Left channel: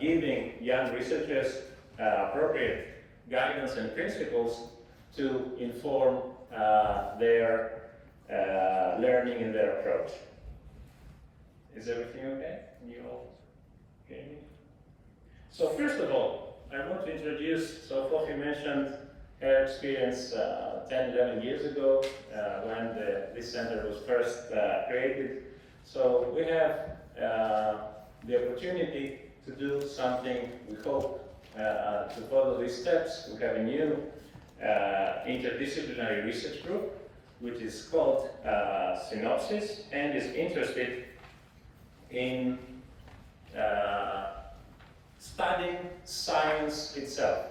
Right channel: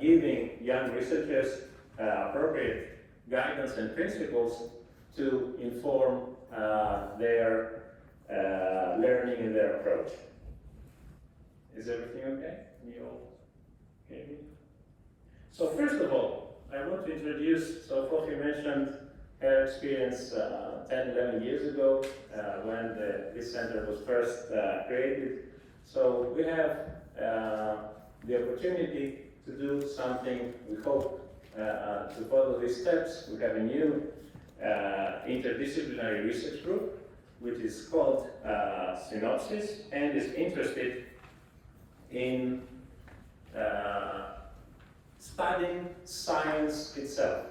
giving young researchers appropriate guidance and principles to inform their learning and their approach. Is everything okay? Can you all hear me? So first of all, I want to introduce, so Sophie mentioned her experience 10, 11 years ago when this center was first created. So we have the opportunity to do something, we hope, to follow these steps. We have a new interdisciplinary research group, which is called Synopsis, and is interested in studying science itself.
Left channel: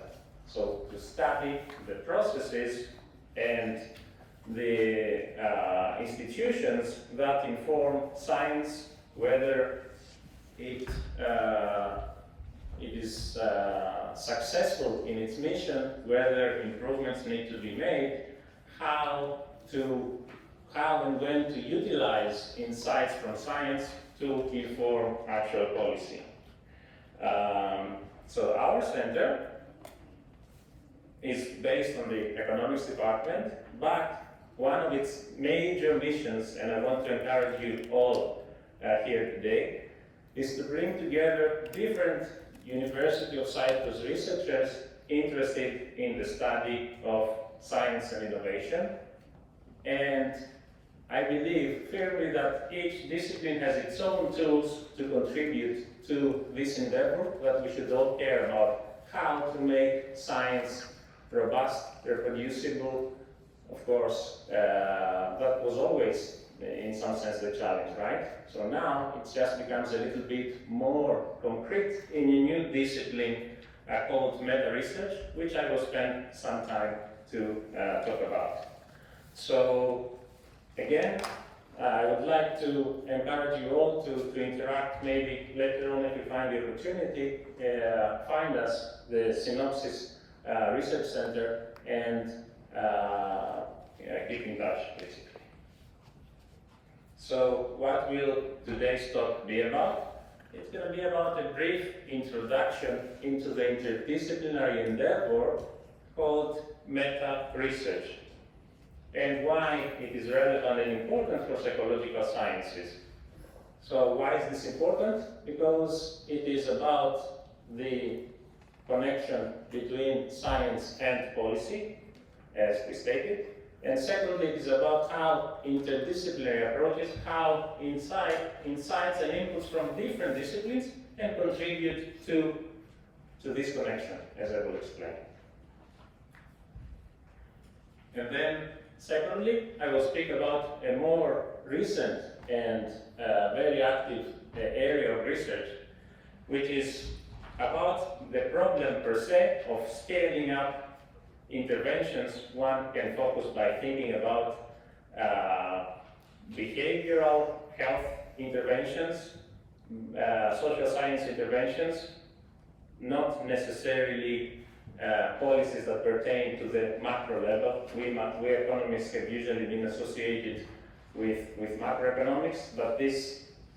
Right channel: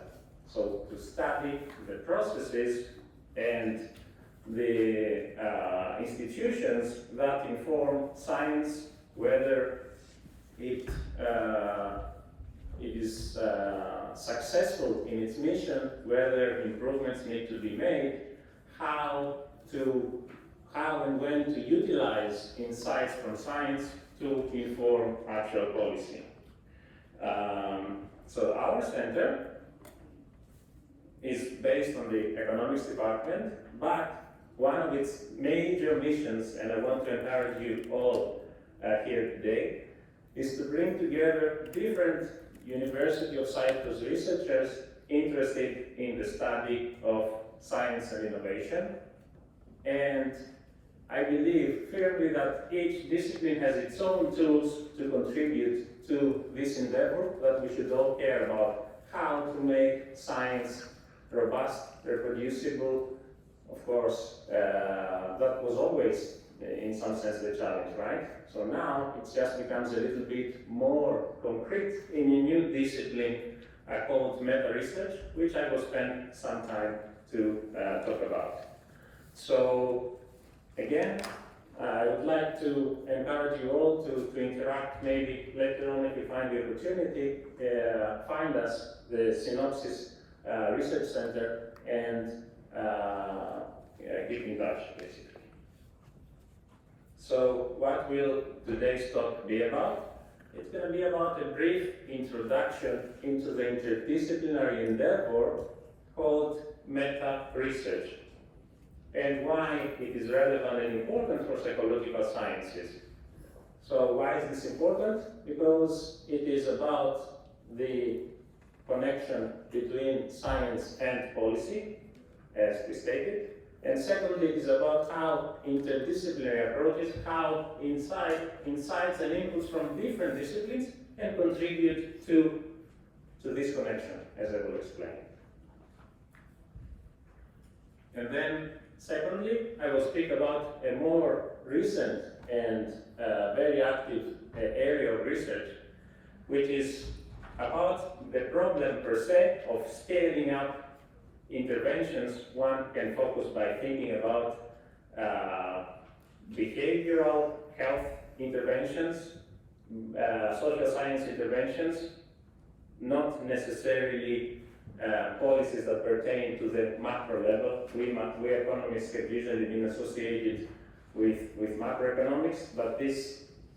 So to study the processes and the institutions that inform science, whether it is successful in its mission, whether improvements need to be made, how and when to utilize insights from science to inform actual policy. So our center is based on the economics department, but one of its major missions, and I want to encourage you all here today, is to bring together different University of Cyprus researchers interested in the study of science and innovation. And I believe firmly that each discipline has its own tools to contribute to this endeavor, that we should all care about how to make science robust, reproducible. Of course, that was always, in some sense, the challenge, right? So now it just becomes a little bit more concrete in a new discipline called meta-research, which I will spend some time to talk about. So again, I would like to encourage you all to interact. Maybe later on, if you find the opportunity, find us, the Synopsis Research Center, and keep in touch, basically. So what will today's talk be about? It's going to be about a brief introduction into the interdisciplinary endeavor called meta-research, and why it is relevant and important for psychological sciences. So why is this important? Because it is about the connection between science and policy, as we stated. And secondly, it is about how interdisciplinary approaches, how insights and inputs from different disciplines can contribute to this connection, as I will explain. And then, secondly, I will speak about a more recent and very active area of research, which is about the problem per se of scaling up interventions. One can focus by thinking about behavioral health interventions, social science interventions, not necessarily policies that pertain to the macro level. We economists have usually been associated with macroeconomics, but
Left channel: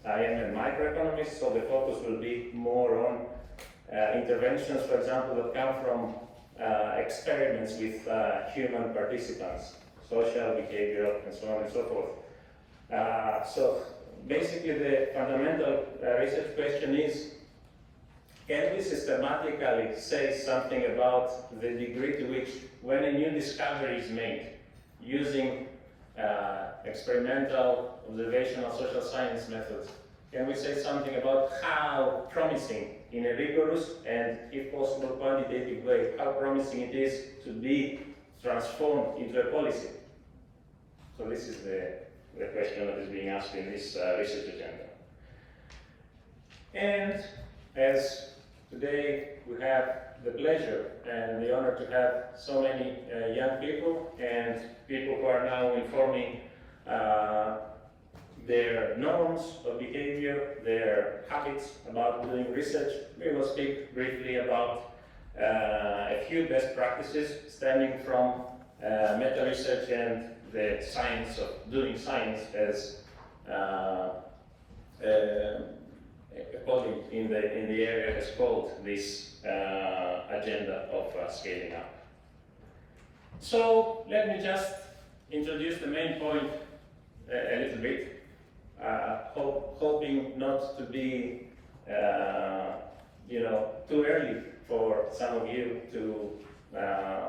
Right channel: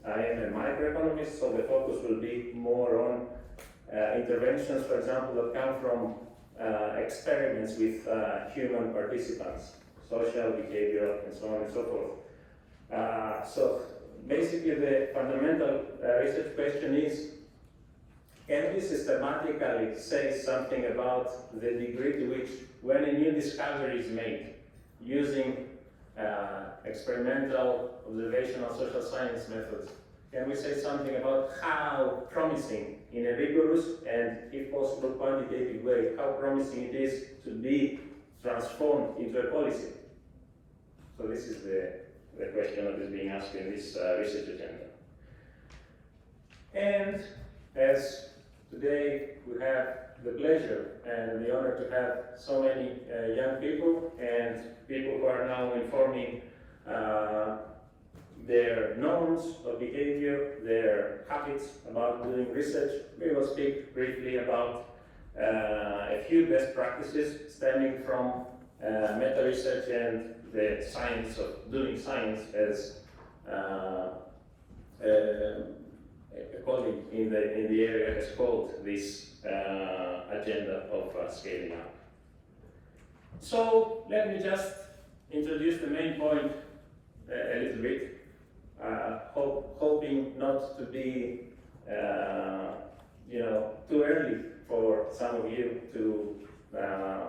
I am a microeconomist, so the focus will be more on interventions, for example, that come from experiments with human participants, social, behavioral, and so on and so forth. So basically the fundamental research question is, can we systematically say something about the degree to which, when a new discovery is made using experimental, observational, social science methods, can we say something about how promising, in a rigorous and, if possible, quantitative way, how promising it is to be transformed into a policy? So this is the question that is being asked in this research agenda. And as today we have the pleasure and the honor to have so many young people and people who are now informing their norms of behavior, their habits about doing research, we will speak briefly about a few best practices stemming from meta-research and the science of doing science as a colleague in the area has called this agenda of scaling up. So let me just introduce the main point a little bit, hoping not to be too early for some of you to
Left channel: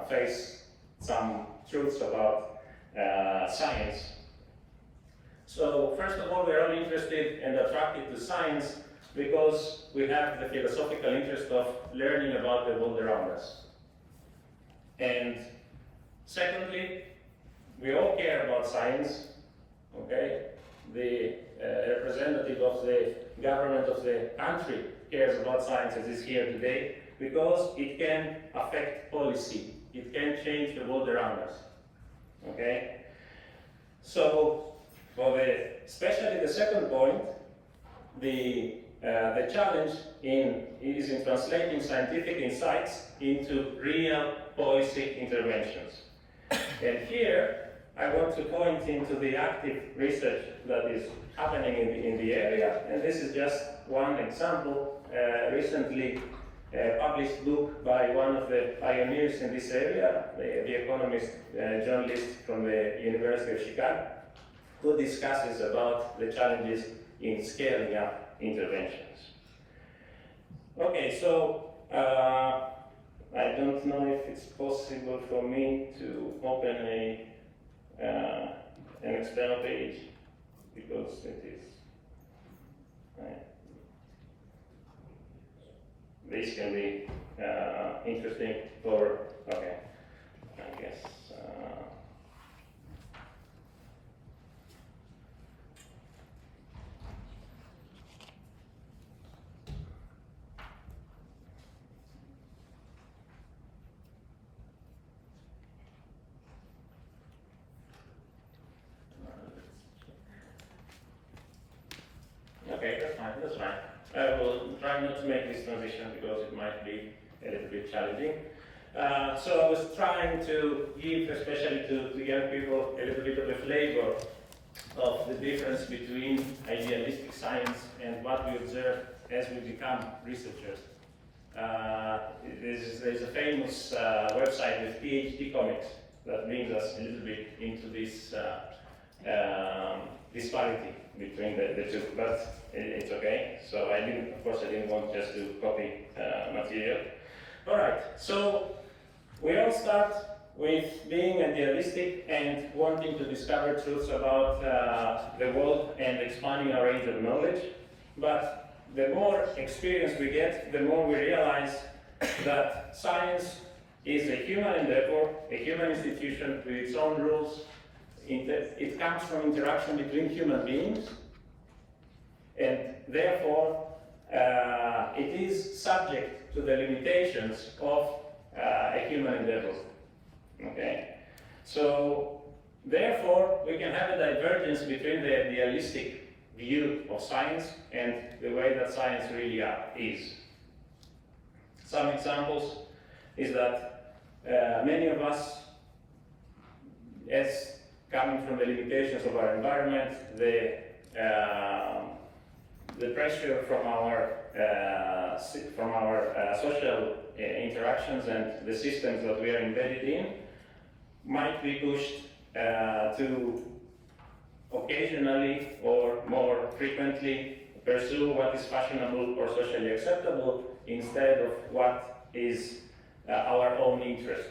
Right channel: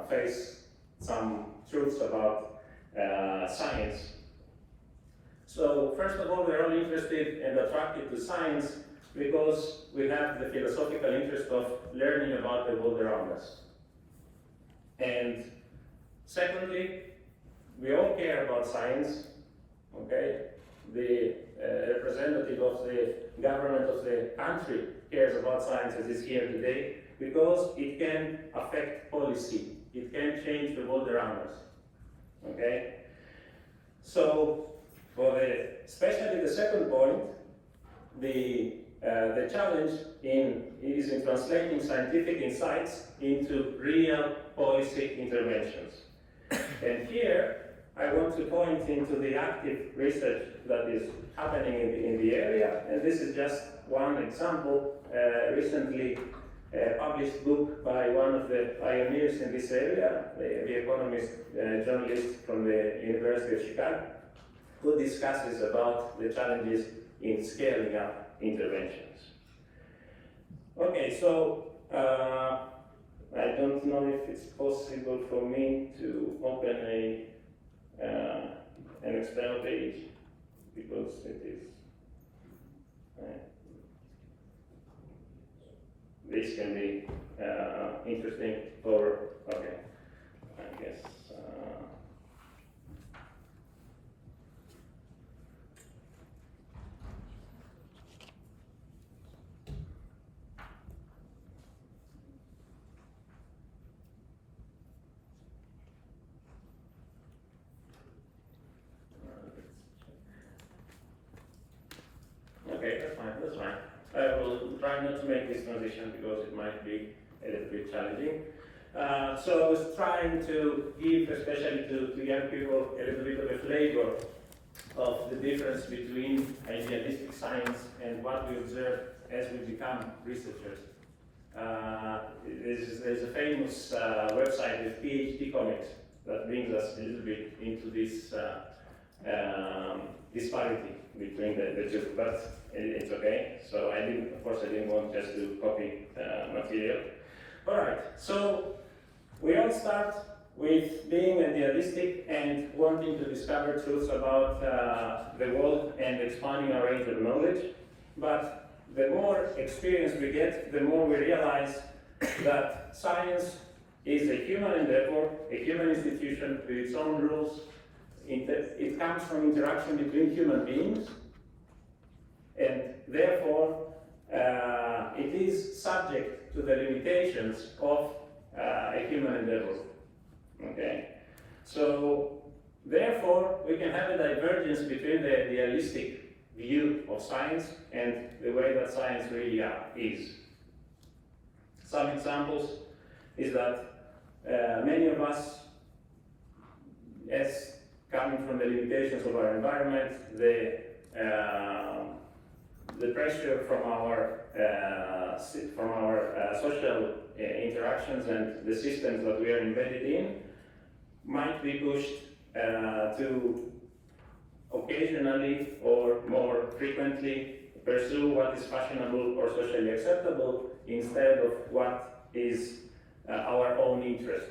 face some truths about science. So first of all, we're all interested and attracted to science because we have the philosophical interest of learning about the world around us. And secondly, we all care about science, okay? The representative of the government of the country cares about science as is here today because it can affect policy. It can change the world around us, okay? So, especially the second point, the challenge is in translating scientific insights into real policy interventions. And here, I want to point into the active research that is happening in the area, and this is just one example. Recently published book by one of the pioneers in this area, the economist journalist from the University of Chicago, who discusses about the challenges in scaling up interventions. Okay, so I don't know if it's possible for me to open an external page because it is. This can be interesting for, okay, I guess. Okay, that's fine. I will try not to make this transition because it might be a little bit challenging. So I was trying to give, especially to young people, a little bit of a flavor of the difference between idealistic science and what we observe as we become researchers. There's a famous website with PhD comics that brings us a little bit into this disparity between the two, but it's okay. So of course I didn't want just to copy material. All right, so we all start with being idealistic and wanting to discover truths about the world and expanding our range of knowledge. But the more experience we get, the more we realize that science is a human endeavor, a human institution with its own rules. It comes from interaction between human beings, and therefore it is subject to the limitations of a human endeavor. Okay, so therefore we can have a divergence between the idealistic view of science and the way that science really is. Some examples is that many of us, as coming from the limitations of our environment, the pressure from our social interactions and the systems that we are embedded in, might be pushed to occasionally or more frequently pursue what is fashionable or socially acceptable instead of what is our own interest.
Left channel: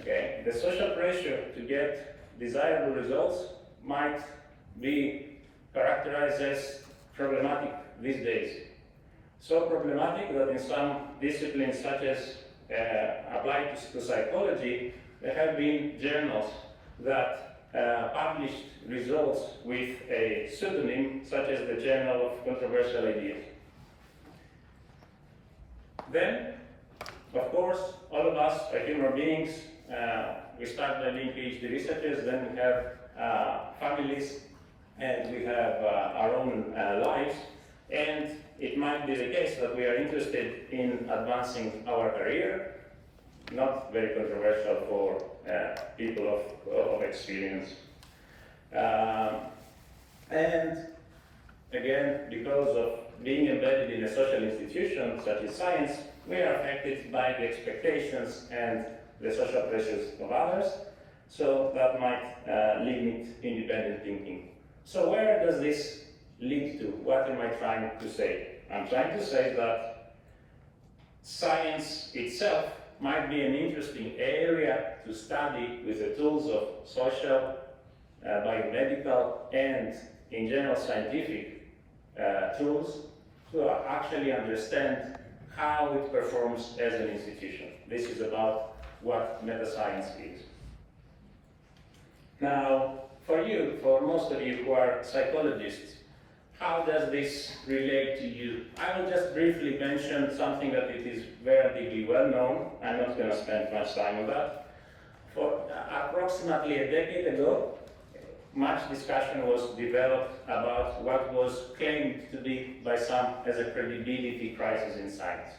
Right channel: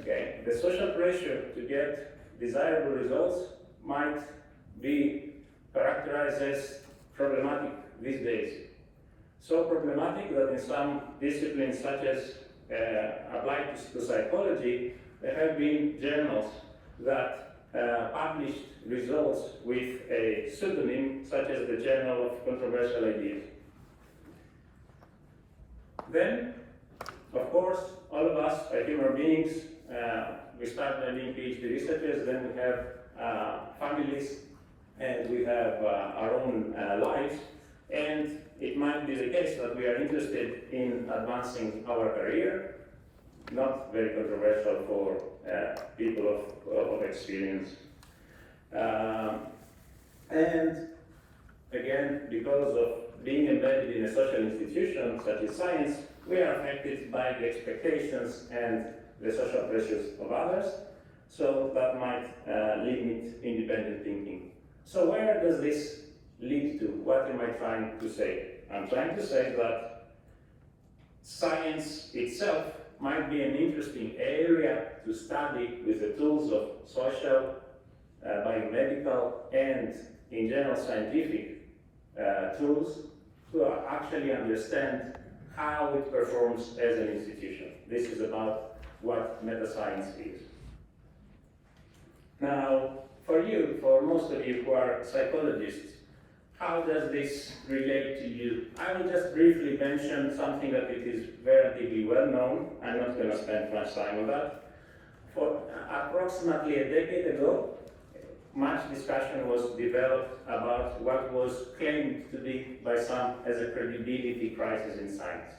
Okay, the social pressure to get desirable results might be characterized as problematic these days. So problematic that in some disciplines, such as applied to psychology, there have been journals that published results with a pseudonym, such as the Journal of Controversial Ideas. Then, of course, all of us are human beings. We start by being PhD researchers, then we have families, and we have our own lives, and it might be the case that we are interested in advancing our career, not very controversial for people of experience. And again, because of being embedded in a social institution such as science, we are affected by the expectations and the social pressures of others, so that might limit independent thinking. So where does this lead to? What am I trying to say? I'm trying to say that science itself might be an interesting area to study with the tools of social, biomedical, and in general scientific tools to actually understand how it performs as an institution. This is about what meta-science is. Now, for most of you who are psychologists, how does this relate to you? I will just briefly mention something that it is relatively well known. I'm not going to spend much time on that. For approximately a decade ago, much discussion was developed about what was claimed to be by some as a credibility crisis in science.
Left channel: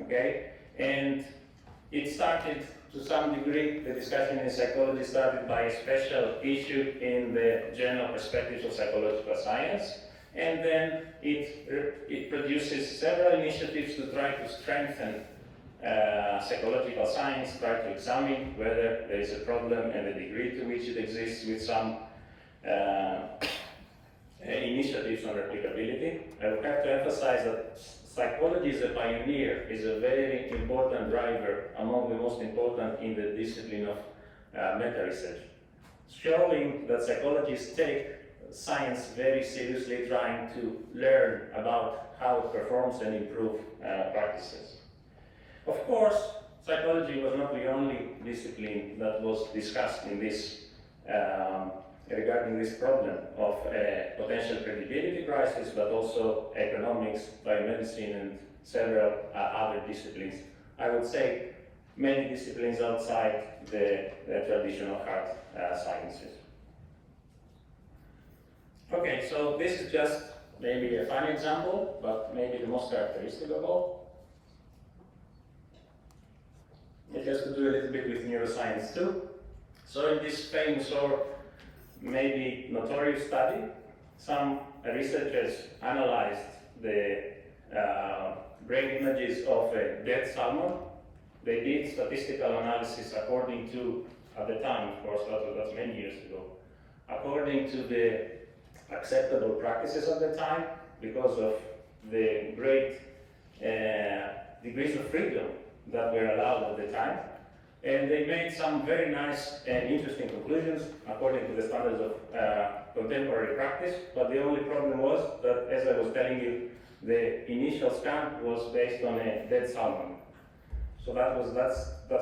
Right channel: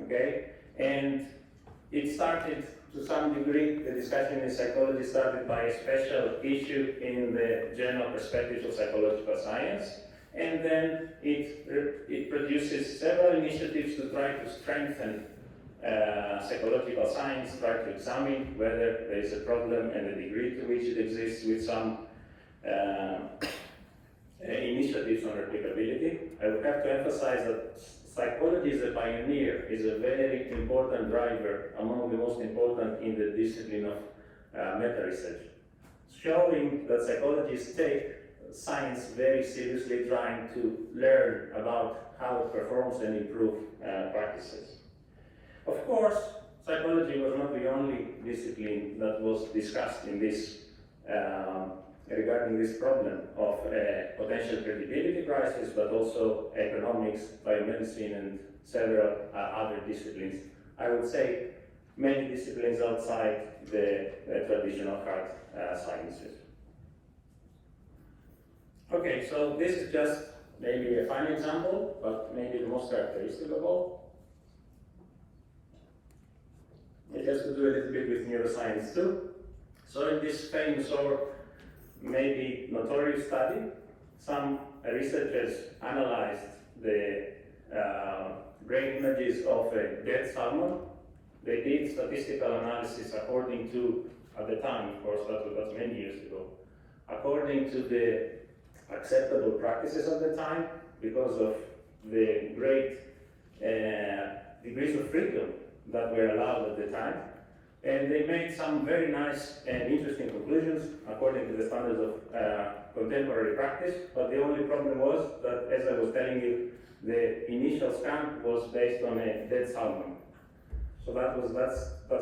Okay? And it started to some degree, the discussion in psychology started by a special issue in the Journal Perspectives of Psychological Science, and then it produces several initiatives to try to strengthen psychological science, try to examine whether there is a problem and the degree to which it exists, with some initiatives on replicability. I would have to emphasize that psychology is a pioneer, is a very important driver, among the most important in the discipline of meta-research, showing that psychologists take science very seriously, trying to learn about how it performs and improve practices. Of course, psychology was not the only discipline that was discussed in this regarding this problem of potential credibility crisis, but also economics, biomedicine, and several other disciplines. I would say many disciplines outside the traditional hard sciences. Okay, so this is just maybe a fun example, but maybe the most characteristic of all. It has to do a little bit with neuroscience too. So in this famous or maybe notorious study, some researchers analyzed the brain images of a dead salmon. They did statistical analysis according to, at the time, of course, that's many years ago, according to the acceptable practices of the time, because of the great degrees of freedom that were allowed at the time. And they made some very nice and interesting conclusions according to the standards of contemporary practice, but the only problem was that, as I was telling you, the initial scan was based on a dead salmon. So that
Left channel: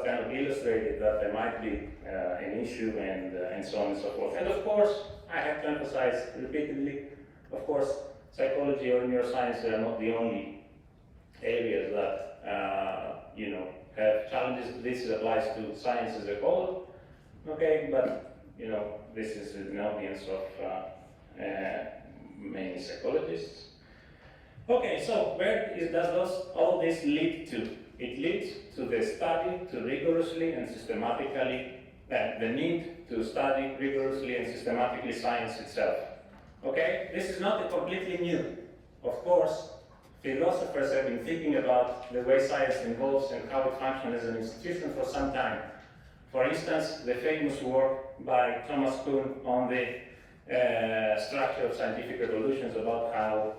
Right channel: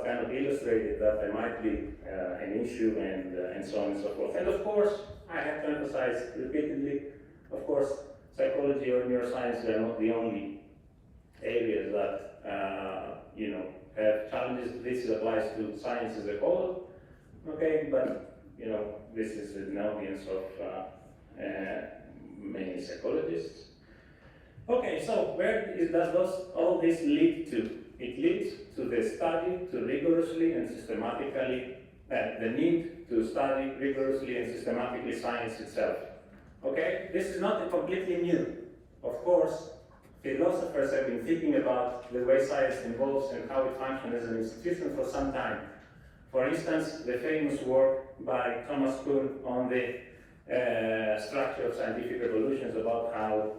kind of illustrated that there might be an issue and so on and so forth. And of course, I have to emphasize repeatedly, of course, psychology or neuroscience are not the only areas that have challenges. This applies to science as a whole, okay, but this is an audience of many psychologists. Okay, so where does all this lead to? It leads to the study to rigorously and systematically, the need to study rigorously and systematically science itself. Okay, this is not completely new. Of course, philosophers have been thinking about the way science evolves and how it functions as an institution for some time. For instance, the famous work by Thomas Kuhn on the structure of scientific revolutions, about how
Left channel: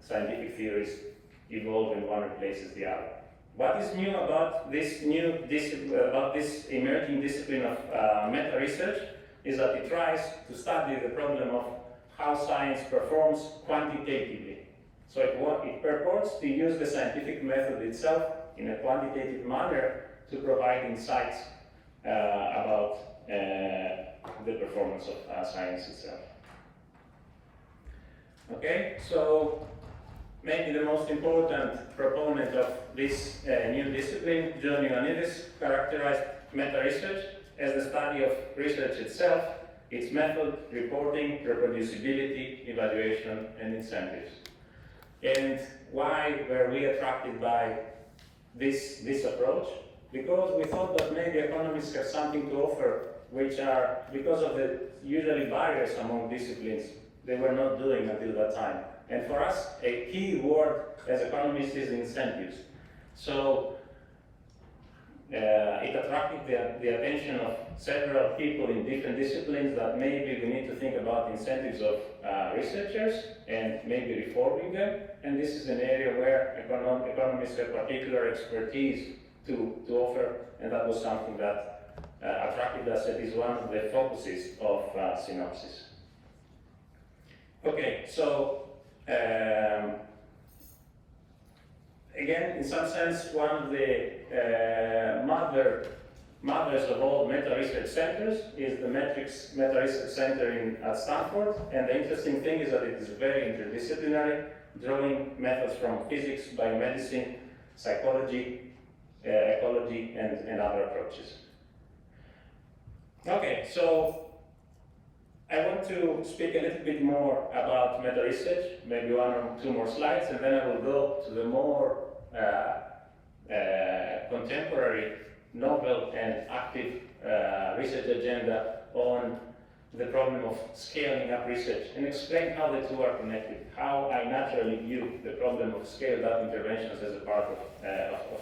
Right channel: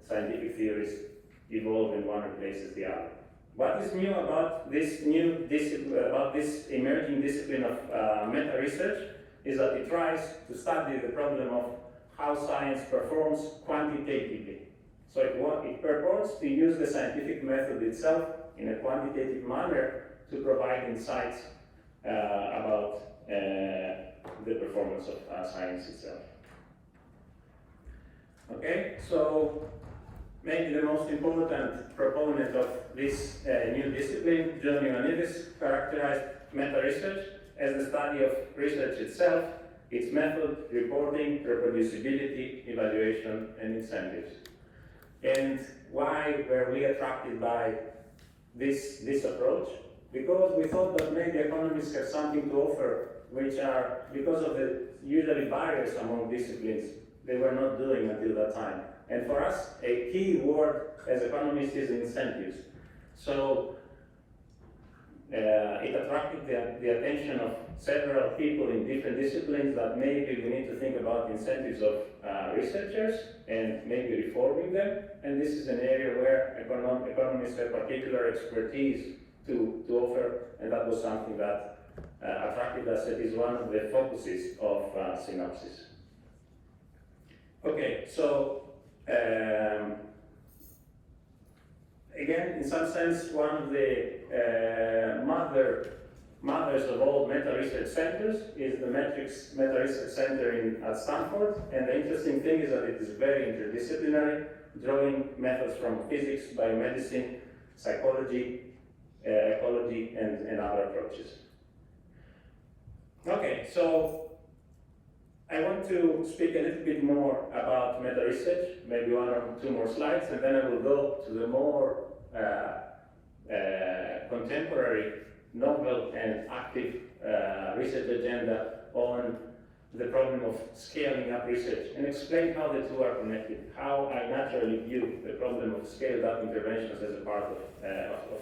scientific theories evolve and one replaces the other. What is new about this new discipline, about this emerging discipline of meta-research, is that it tries to study the problem of how science performs quantitatively. So it purports to use the scientific method itself in a quantitative manner to provide insights about the performance of science itself. Okay, so maybe the most important proponent of this new discipline, Zacharias Maniadis, characterized meta-research as the study of research itself, its method, reporting, reproducibility, evaluation, and incentives. And why were we attracted by this approach? Because we thought that maybe economists have something to offer, which are, because of the usually barriers among disciplines, they were not doing until that time. And for us, a key word as economists is incentives. So it attracted the attention of several people in different disciplines that maybe we need to think about incentives of researchers and maybe reforming them. And this is an area where economists have particular expertise to offer, and that was something that attracted us. It is one of the focuses of Synopsis. Okay, so again, in some sense, one of the mothers of all meta-research centers is the Metrics Meta-Research Center at Stanford. And the interesting thing is that it is very interdisciplinary, drawing methods from physics, biomedicine, psychology, ecology, and other approaches. Okay, so I want to speak a little bit more about meta-research, maybe one or two more slides, and then I will go to the more contemporary, novel, and active research agenda on the problem of scaling up research, and explain how the two are connected, how I naturally view the problem of scaled up interventions as a part of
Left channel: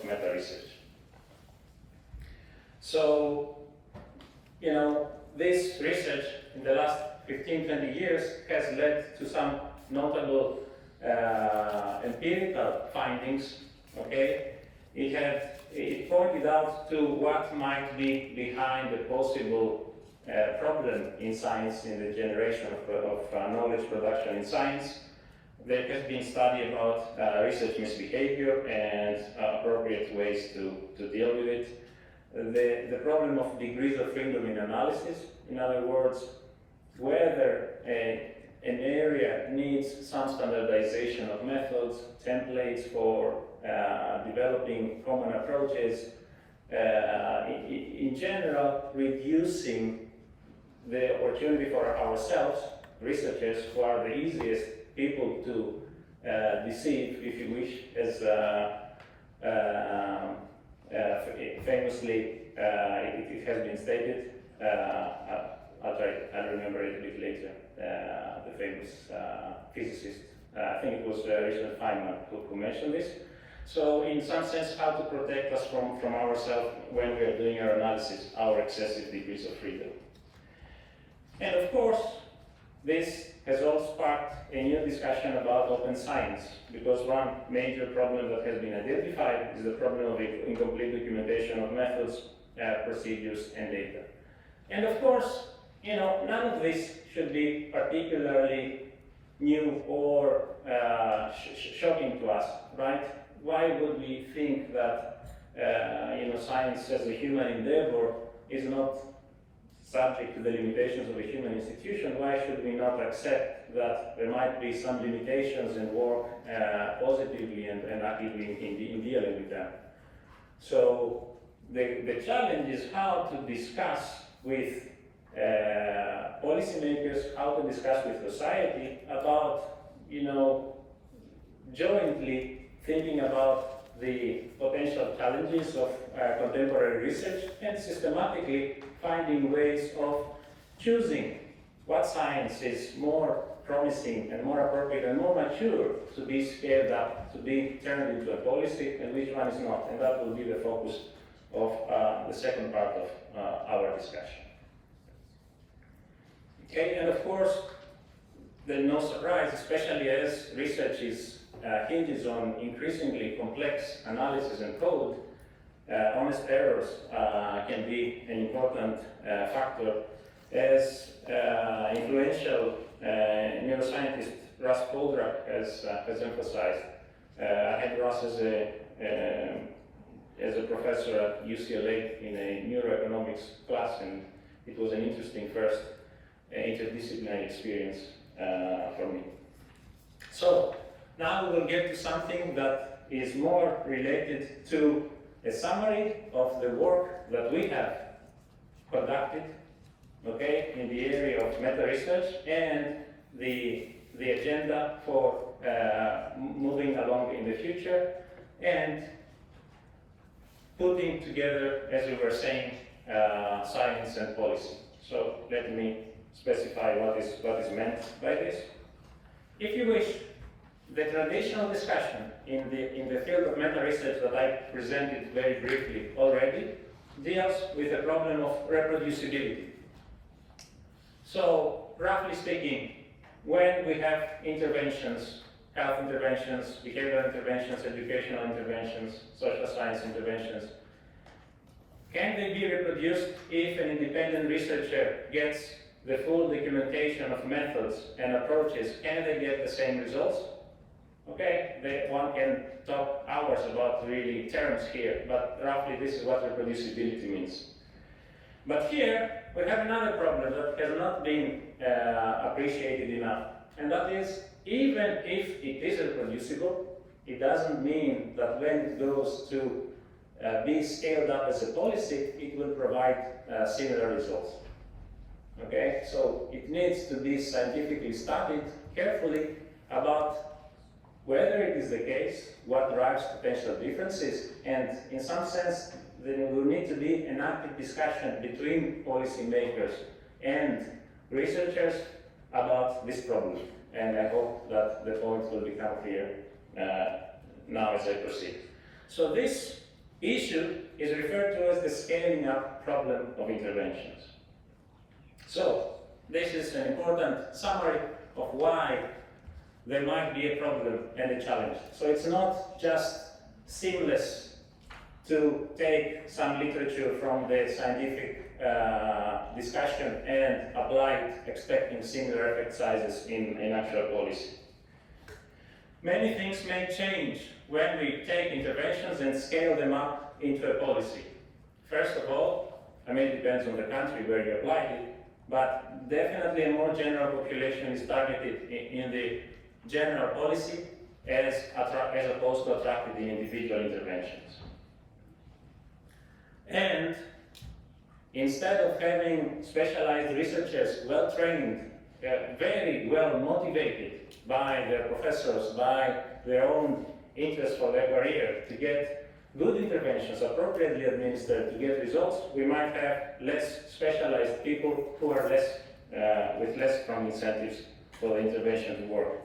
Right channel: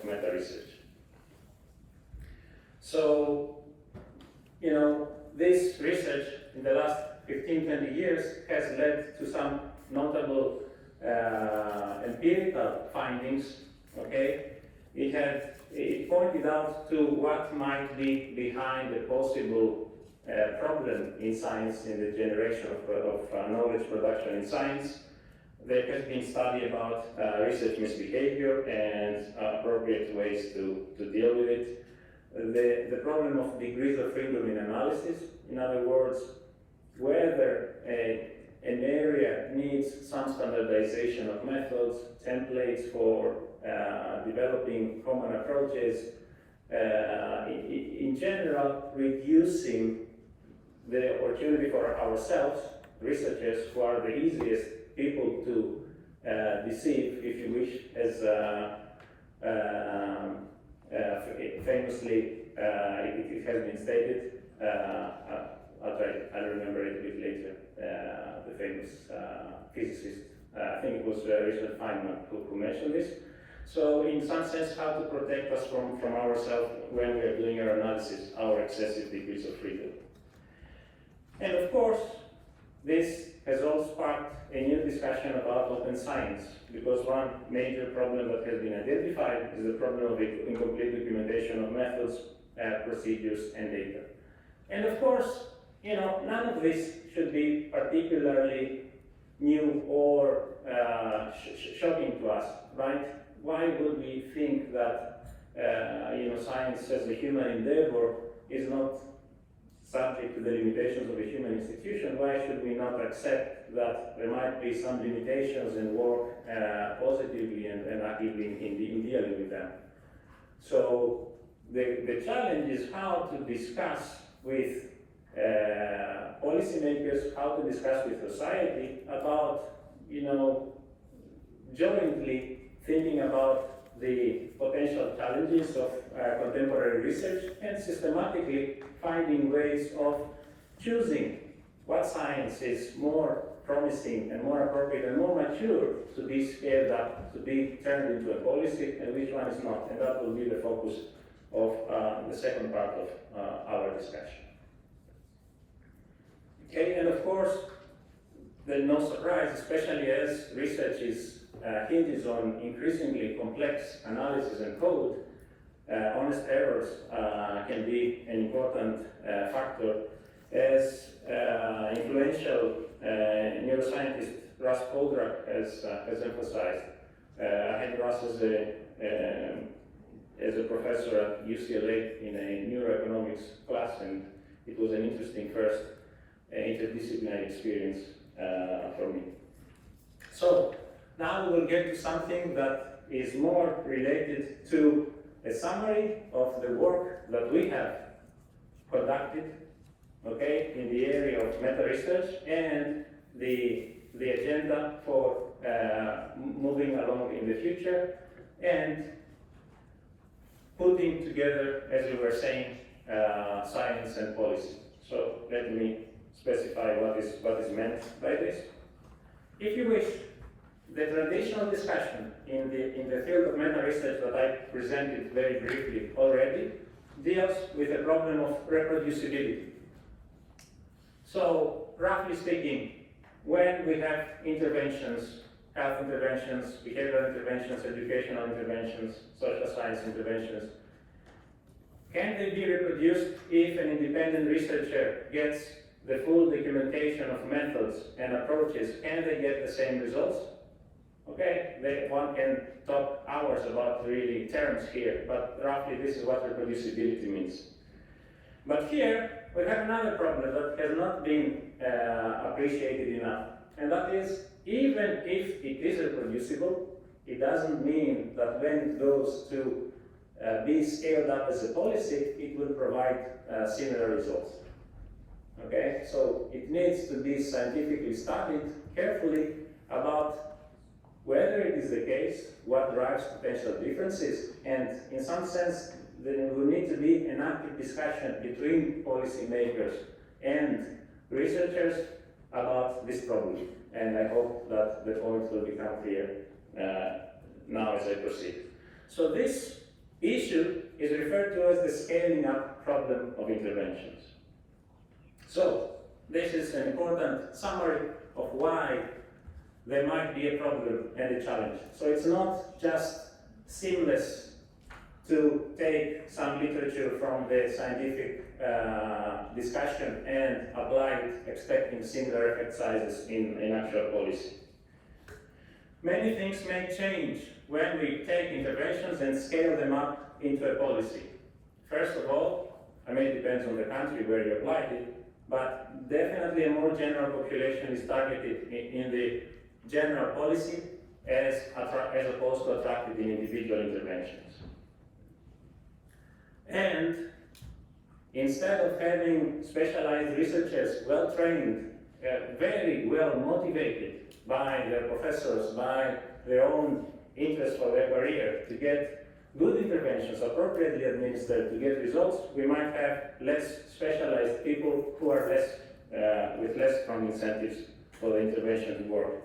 meta-research. So, you know, this research in the last 15, 20 years has led to some notable empirical findings, okay? It pointed out to what might be behind the possible problem in science, in the generation of knowledge production in science. There has been study about research misbehavior and appropriate ways to deal with it. The problem of degrees of freedom in analysis, in other words, whether an area needs some standardization of methods, templates for developing common approaches, in general, reducing the opportunity for ourselves, researchers, who are the easiest people to deceive, if you wish, as famously it has been stated. I'll remember it a bit later. The famous physicist, I think it was Richard Feynman who mentioned this. So in some sense, how to protect us from ourselves when we are doing our analysis, our excessive degrees of freedom. And of course, this has also sparked a new discussion about open science, because one major problem that has been identified is the problem of incomplete documentation of methods, procedures, and data. And of course, you know, none of this should be particularly new or shocking to us, right? Why would we think that science as a human endeavor is not subject to the limitations of a human institution? Why should we not accept that there might be some limitations and work positively and actively in dealing with them? So the challenge is how to discuss with policymakers, how to discuss with society about, jointly thinking about the potential challenges of contemporary research and systematically finding ways of choosing what science is more promising and more appropriate and more mature to be scaled up, to be turned into a policy, and which one is not. And that will be the focus of the second part of our discussion. Okay, and of course, there's no surprise, especially as research hinges on increasingly complex analysis and code. Honest errors can be an important factor, as influential neuroscientist Russ Poldrack has emphasized. I had Russ as a professor at UCLA in a neuroeconomics class, and it was an interesting first interdisciplinary experience for me. So now we will get to something that is more related to a summary of the work that we have conducted, okay, in the area of meta-research and the agenda for moving along in the future and putting together, as we were saying, science and policy. So let me specify what is meant by this. If you wish, the traditional discussion in the field of meta-research that I presented very briefly already deals with the problem of reproducibility. So, roughly speaking, when we have interventions, health interventions, behavioral interventions, educational interventions, social science interventions, can they be reproduced if an independent researcher gets the full documentation of methods and approaches and they get the same results? Okay, one can talk hours about really terms here, but roughly this is what reproducibility means. But here, we have another problem that has not been appreciated enough, and that is, even if it is reproducible, it doesn't mean that when it goes to be scaled up as a policy, it will provide similar results. Okay, so it needs to be scientifically studied carefully about whether it is the case, what drives potential differences, and in some sense, there will need to be an active discussion between policymakers and researchers about this problem. And I hope that the point will become clear now as I proceed. So this issue is referred to as the scaling up problem of interventions. So this is an important summary of why there might be a problem and a challenge. So it's not just seamless to take some literature from the scientific discussion and apply it expecting similar effect sizes in actual policy. Many things may change when we take interventions and scale them up into a policy. First of all, I mean, it depends on the country where you apply it, but definitely a more general population is targeted in the general policy as opposed to attracted in individual interventions. And instead of having specialized researchers, well-trained, very well motivated by their professors, by their own interest for their career to get good interventions appropriately administered to get results, we might have less specialized people who are with less strong incentives for the intervention to work.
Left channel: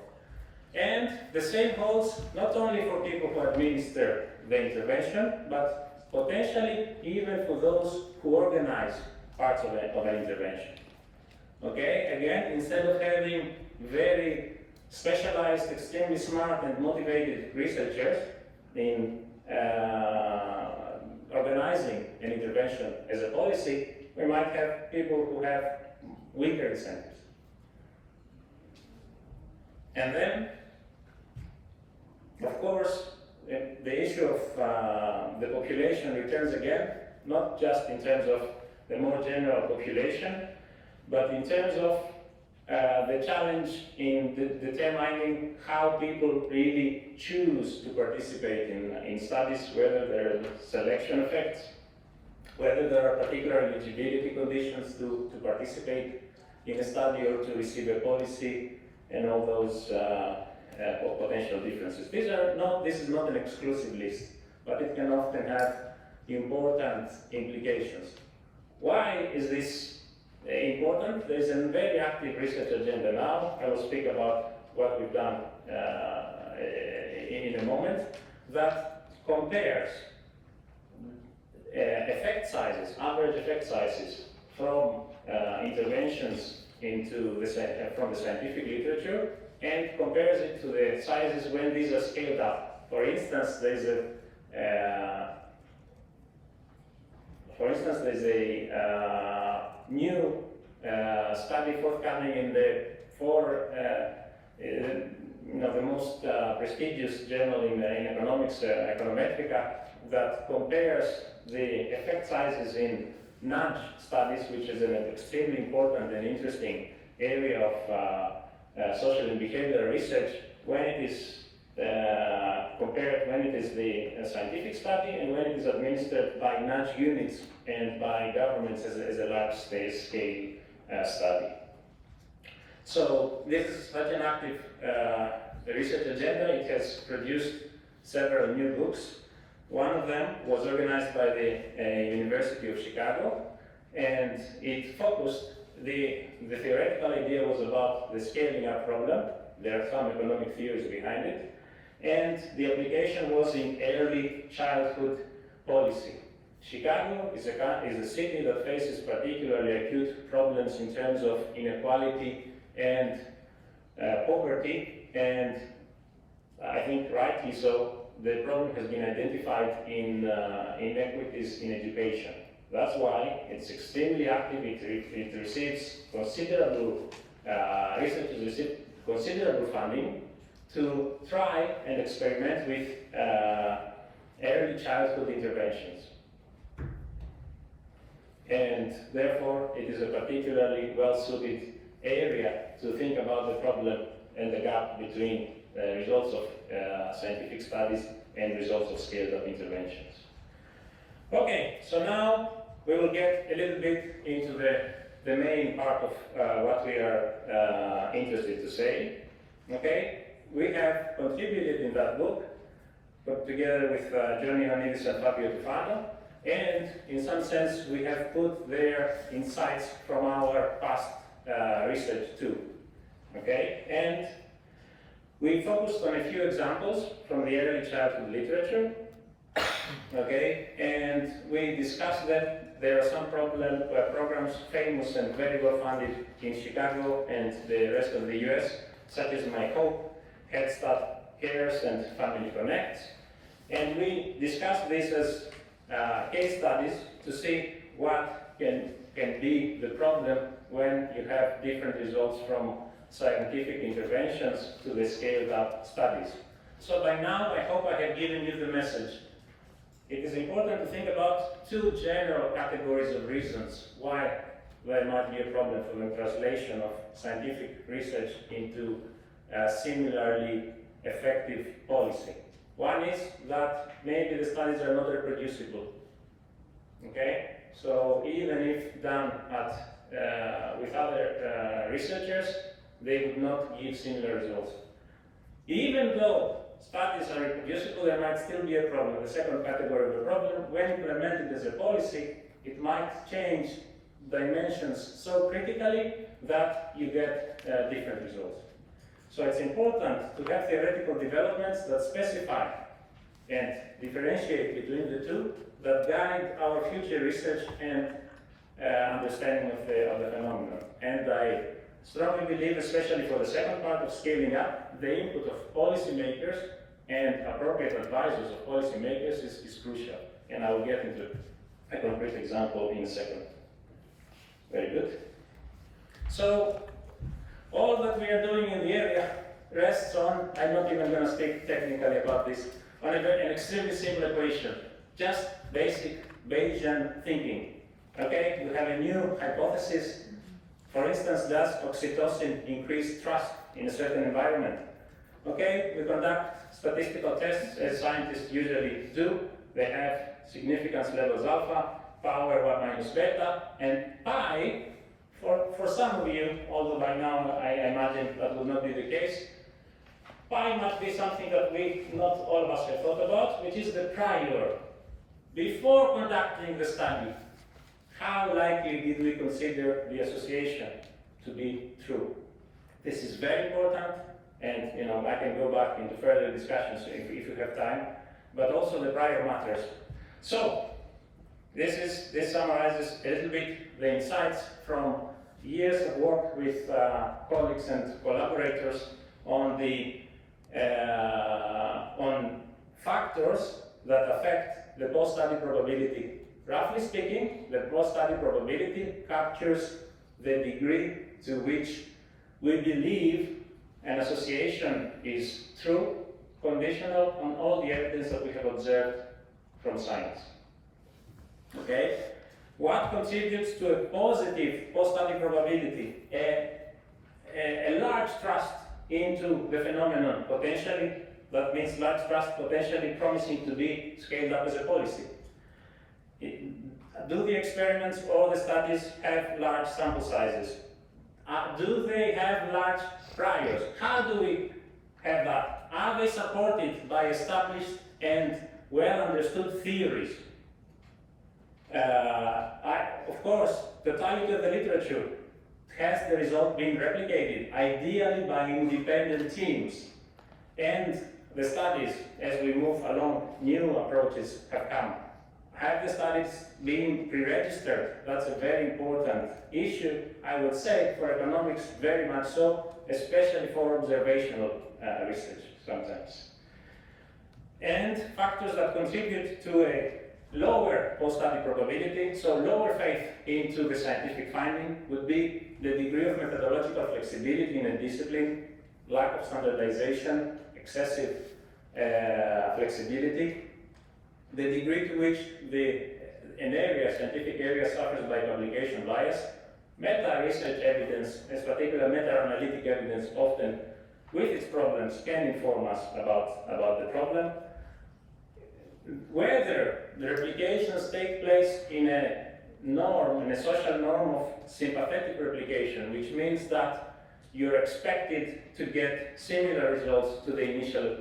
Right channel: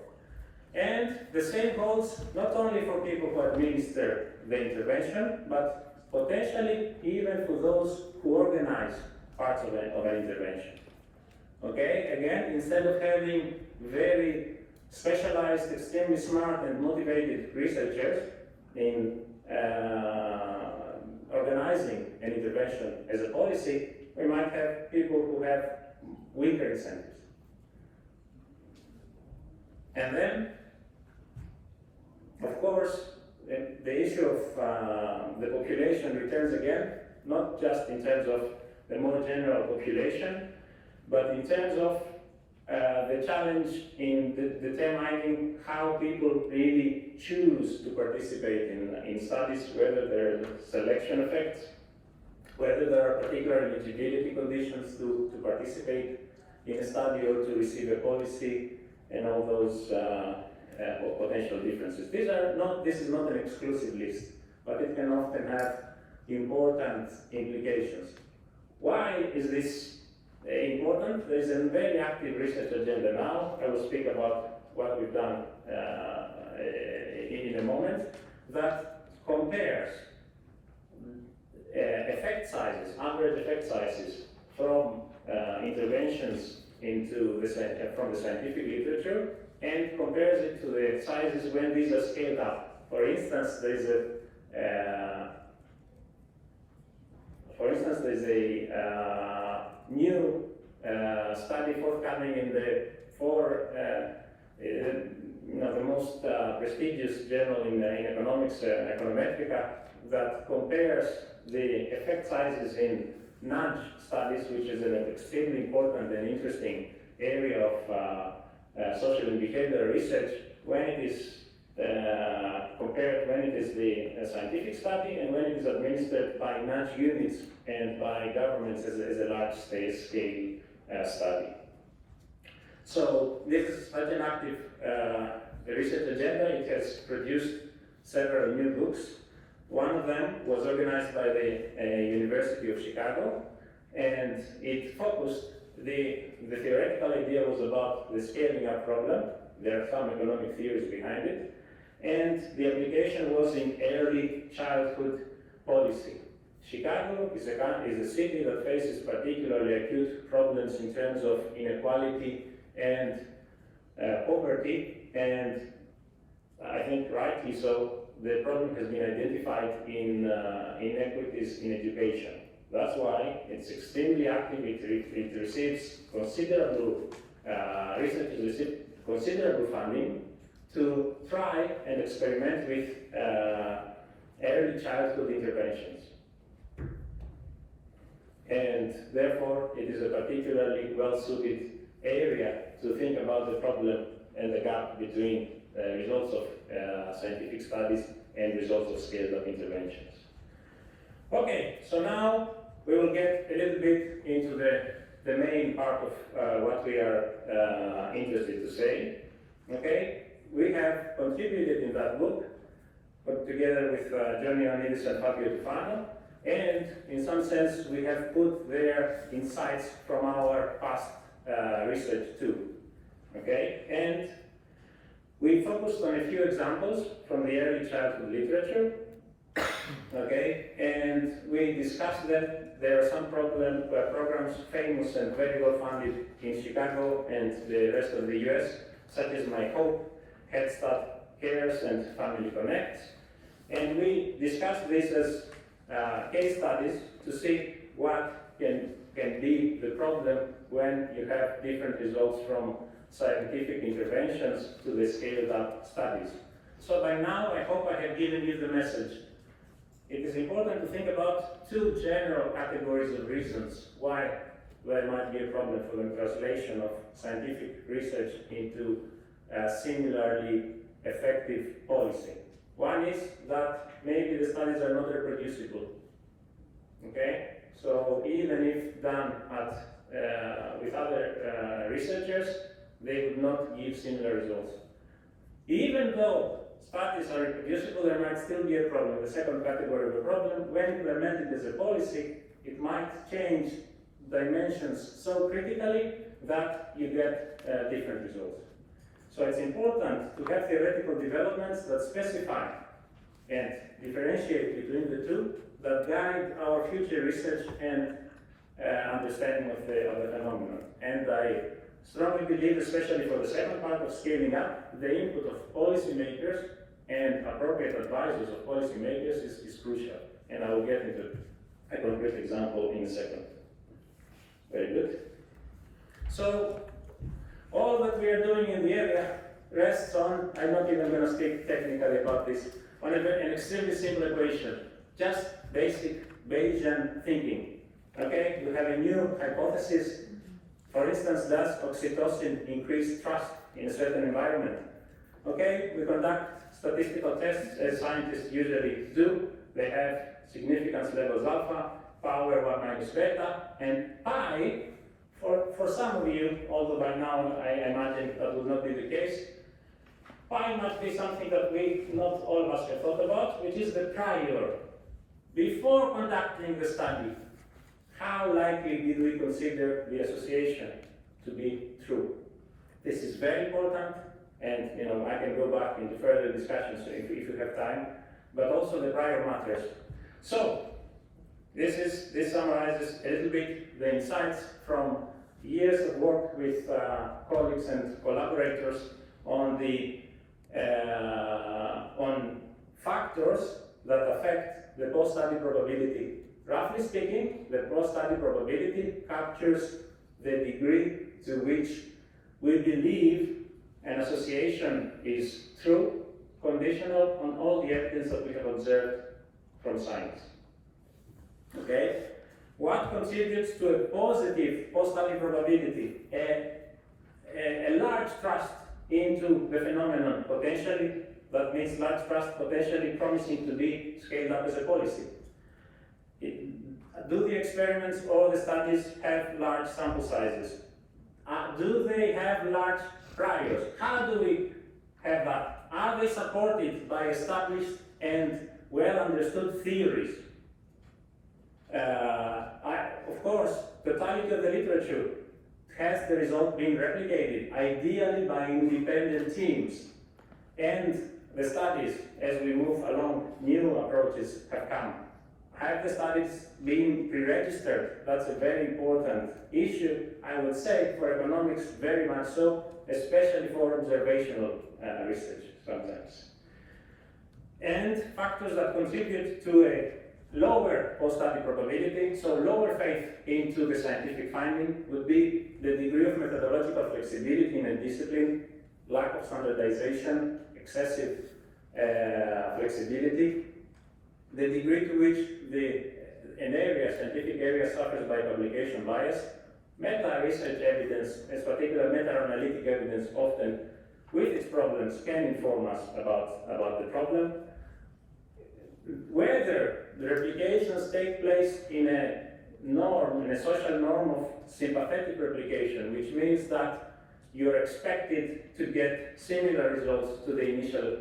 And the same holds not only for people who administer the intervention, but potentially even for those who organize parts of an intervention. Okay, again, instead of having very specialized, extremely smart and motivated researchers in organizing an intervention as a policy, we might have people who have weaker incentives. And then, of course, the issue of the population returns again, not just in terms of the more general population, but in terms of the challenge in determining how people really choose to participate in studies, whether there are selection effects, whether there are particular eligibility conditions to participate in a study or to receive a policy, and all those potential differences. This is not an exclusive list, but it can often have important implications. Why is this important? There is a very active research agenda now. I will speak about what we've done in a moment, that compares effect sizes, average effect sizes from interventions from the scientific literature, and compares it to the sizes when these are scaled up. For instance, there is a new study forthcoming in the the most prestigious journal in economics, Econometrica, that compares the effect sizes in nudge studies, which is an extremely important and interesting area of social and behavioral research, when it is compared when it is the scientific study and when it is administered by nudge units and by governments as a large-scale study. So this is such an active research agenda. It has produced several new books. One of them was organized by the University of Chicago, and it focused the theoretical idea was about the scaling up problem. There are some economic theories behind it. And the application was in early childhood policy. Chicago is a city that faces particularly acute problems in terms of inequality and poverty, and I think rightly so, the problem has been identified in inequities in education. That's why it's extremely active. It receives considerable, researchers receive considerable funding to try and experiment with early childhood interventions. And therefore, it is a particularly well-suited area to think about the problem and the gap between results of scientific studies and results of scaled-up interventions. Okay, so now we will get a little bit into the main part of what we are interested to say. Okay, we have contributed in that book, put together with Zacharias Maniadis and Fabio Tufano, and in some sense we have put their insights from our past research too. Okay, and we focused on a few examples from the early childhood literature. Okay, and we discussed that there are some programs famous and very well funded in Chicago and the rest of the US, such as My Hope, Head Start Cares, and Family Connect. And we discussed this as case studies to see what can be the problem when you have different results from scientific interventions to the scaled up studies. So by now, I hope I have given you the message. It is important to think about two general categories of reasons why there might be a problem for the translation of scientific research into similarly effective policy. One is that maybe the studies are not reproducible. Okay? So even if done with other researchers, they would not give similar results. Even though studies are reproducible, there might still be a problem. The second category of the problem, when implemented as a policy, it might change dimensions so critically that you get different results. So it's important to have theoretical developments that specify and differentiate between the two, that guide our future research and understanding of the phenomenon. And I strongly believe, especially for the second part of scaling up, the input of policymakers and appropriate advisors of policymakers is crucial. And I will get into a concrete example in a second. Very good. So, all that we are doing in the area rests on, I'm not even going to speak technically about this, on an extremely simple equation. Just basic Bayesian thinking. Okay, we have a new hypothesis. For instance, does oxytocin increase trust in a certain environment? Okay, we conduct statistical tests as scientists usually do. They have significance levels alpha, power 1 minus beta, and pi. For some of you, although by now I imagine that would not be the case, pi must be something that not all of us have thought about, which is the prior. Before conducting the study, how likely did we consider the association to be true? This is very important, and I can go back into further discussions if you have time, but also the prior matters. So, this summarizes a little bit the insights from years of work with colleagues and collaborators on on factors that affect the post-study probability. Roughly speaking, the post-study probability captures the degree to which we believe an association is true, conditional on all the evidence that we have observed from science. Okay? What contributes to a positive post-study probability? A large trust into the phenomenon, potentially, that means large trust potentially promising to be scaled up as a policy. Do the experiments or the studies have large sample sizes? Do they have large priors? How do we have that? Are they supported by established and well understood theories? Of course, totality of the literature. has the result been replicated, ideally by independent teams. And the studies, as we move along, new approaches have come. Have the studies been pre-registered? That's a very important issue, I would say, for economics, very much so, especially for observational research sometimes. And factors that contribute to a lower post-study probability, so lower faith into the scientific finding, would be the degree of methodological flexibility in a discipline, lack of standardization, excessive flexibility, the degree to which scientific area suffers by publication bias, meta-research evidence, in particular meta-analytic evidence, often with its problems can inform us about the problem. Whether the replications take place in a social norm of sympathetic replication, which means that you're expected to get similar results to the initial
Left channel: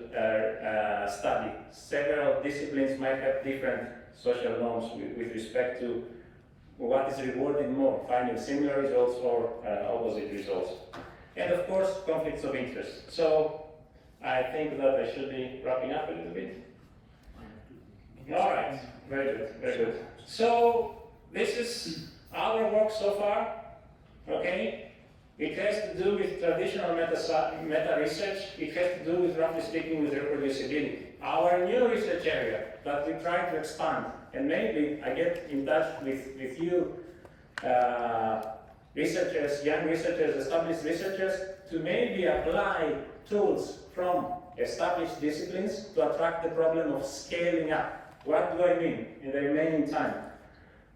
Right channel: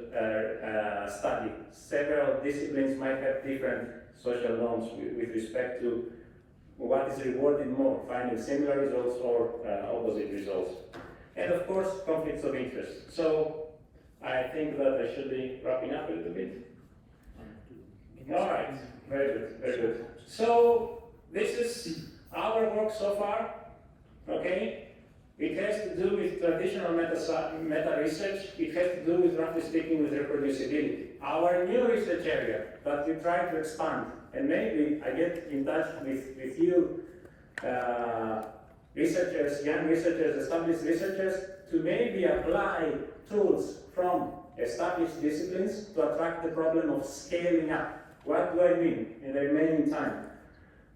study. Several disciplines might have different social norms with respect to what is rewarded more, finding similar results or opposite results. And of course, conflicts of interest. So I think that I should be wrapping up a little bit. All right, very good, very good. So this is our work so far, okay? It has to do with traditional meta-research. It has to do with, roughly speaking, with reproducibility. Our new research area that we try to expand, and maybe I get in touch with you, researchers, young researchers, established researchers, to maybe apply tools from established disciplines to attract the problem of scaling up. What do I mean in the remaining time?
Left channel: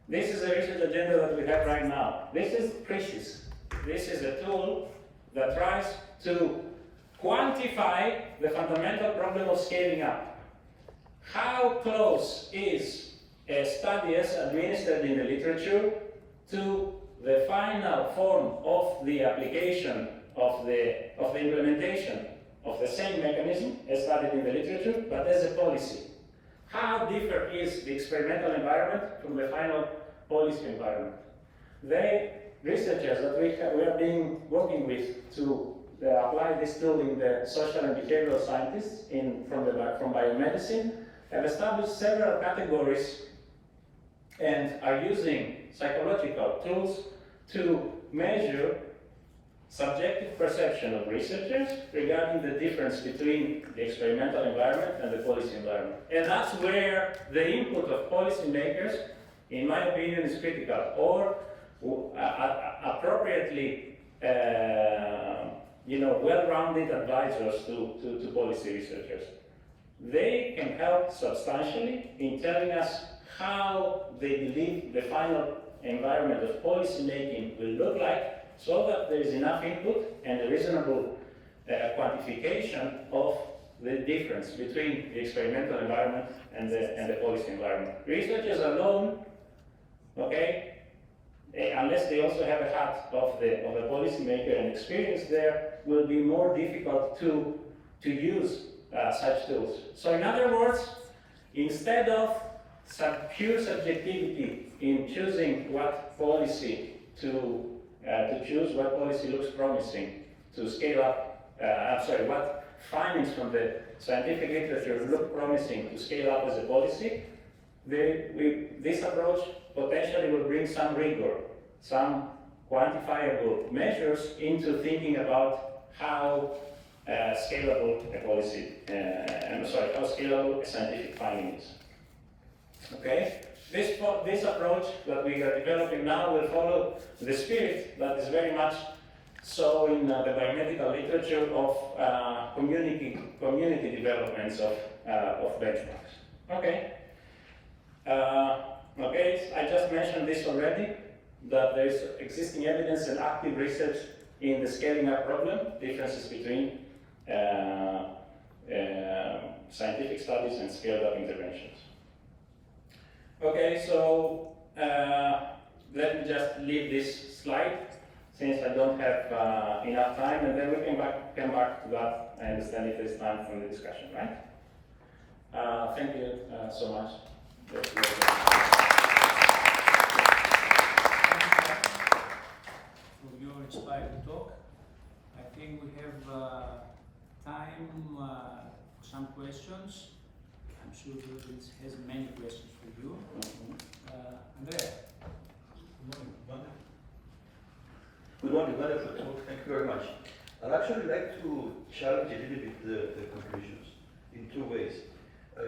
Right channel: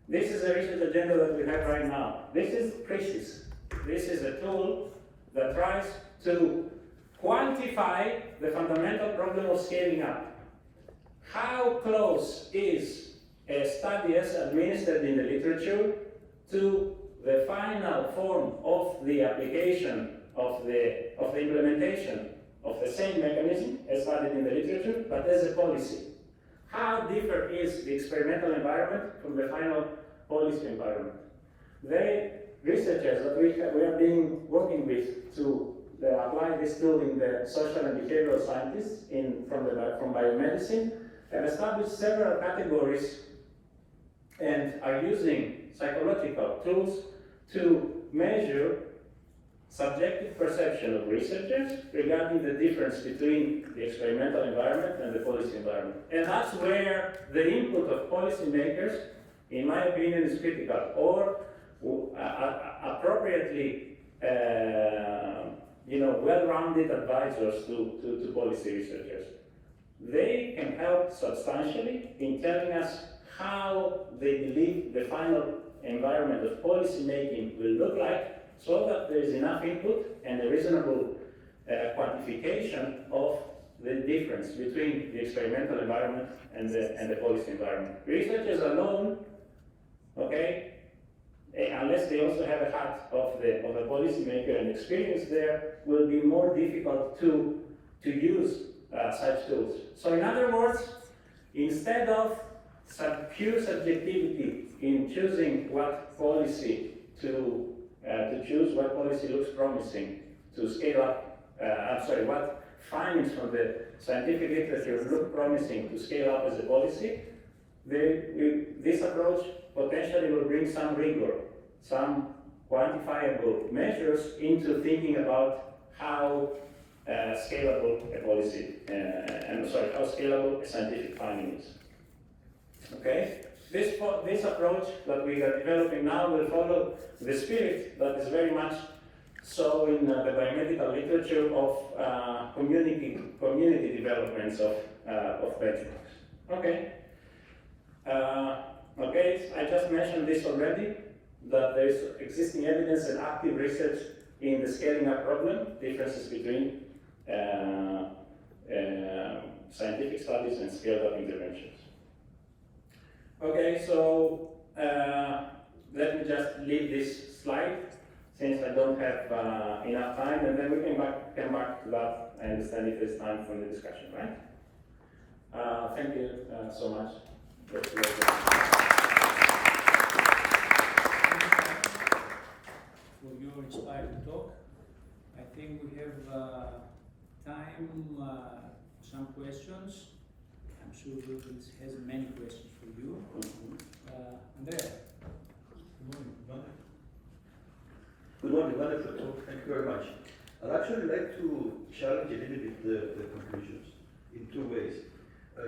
This is a research agenda that we have right now. This is PRECIS. This is a tool that tries to quantify the fundamental problem of scaling up. How close is a study as administered in the literature to the final form of the application of the implementation of the same mechanism as studied in the literature, but as a policy? How different is the experimental environment from the final policy environment? The researchers that we are working with to apply this tool in the social and behavioral scientists from biomedicine have established several categories and are using psychological tools to measure subjective perception of researchers regarding the difference between the experimental environment and the policy environment. And that's where the input of policymakers, in my opinion, is critical, or appropriately, well-rounded advisors to policy researchers. They can help substantially in telling us how they believe the final environment of policy making will look like, so that there is enough input and a reasonable quantification of the difference between the experimental environment and the policy environment. Researchers alone, okay, unless they also have a hat of a policymaker and experience there, will be more difficult to use such tools. So in other words, instead of pure subjectivity in choosing what policy to choose, what policy looks promising to scale up, what findings from the scientific literature look promising to scale up as a policy, this approach potentially will bring some rigor, some quantifiable measures into thinking about how scalable a policy, how scalable a scientific finding is. Okay? This approach that we are developing now will follow the spirit that is very much so in the biomedical literature of community developments of benchmarks. Okay. I just mentioned this already, that there is existing evidence and active research in the scaling up problem, differences between scientific studies and scaled up interventions. Okay, so let me just leave this slide since I don't have enough time, and then we can come back to that. I understand if there's time for the discussion, right? Thank you so much. for your inspiring talk. I think we have time for some questions. I'm sure the audience has many questions for you. Andrea. Good morning, wonderful talk. Thank you very much. I'd actually like to challenge a little bit the conclusions in two ways.